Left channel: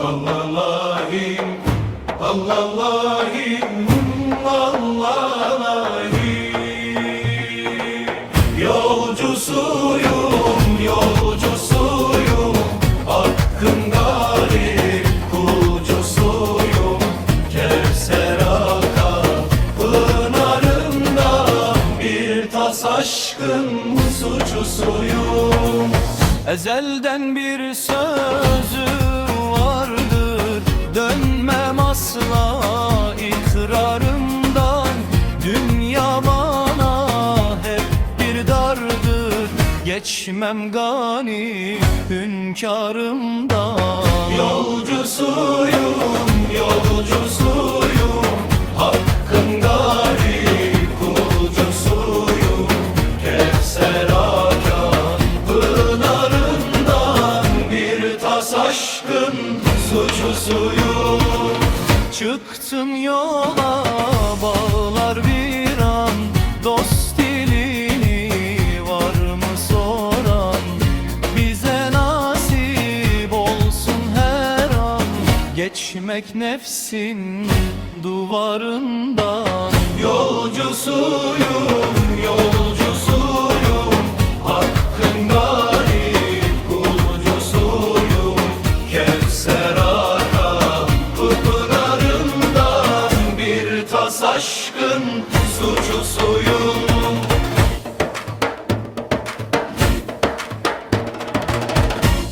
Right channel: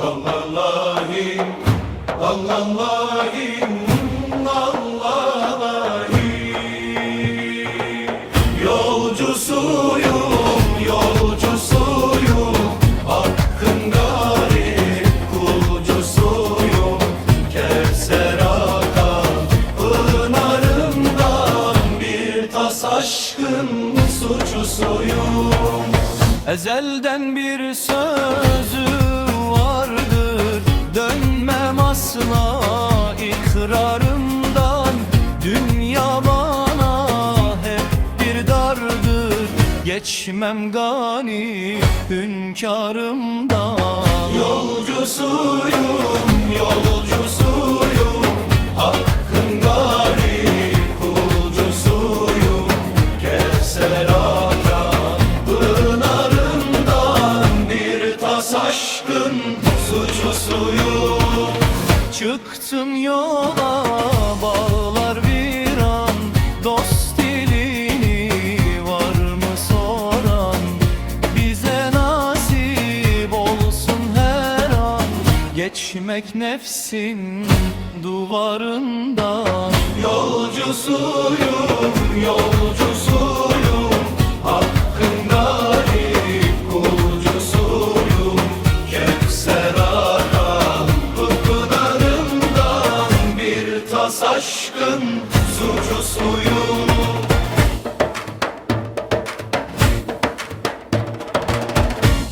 Allah'ım Allah'ım Allah'ım. Yolcusuyum yolcusuyum. Hakkın garip kulcusuyum Kevser akan pınarımdan Bir tas aşkın suçusuyum. Ezelden bir sözü vardır. Dönmem asla ikrarımdan. Dünya bana hep bir dardır. Geçmem gani hünkârımdan. Yolcusuyum, aşkın suçlusuyum. Çıktım yola bağlar bir an. Dost dilini var mı soran? Bize nasip olsun her an. Geçmek nefsin duvarından. Yolcusuyum, Tas aşkın suçusuyum.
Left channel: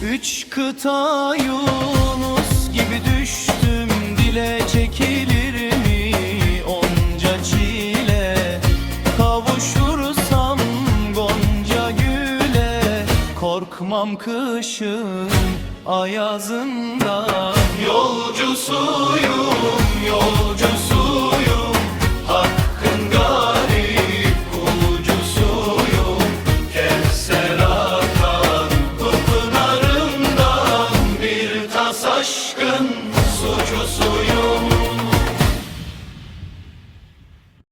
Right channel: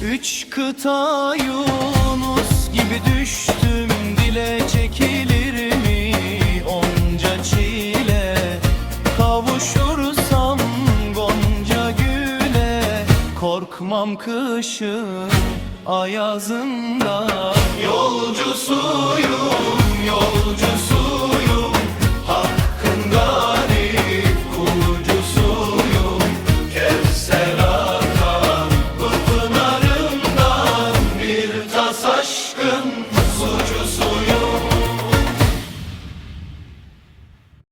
Üç kıta Yunus gibi düştüm dile çekilir mi? Onca çile Kavuşursam gonca güle. Korkmam kışın ayazından. Yolcusuyum yolcusuyum tas aşkın suçusuyum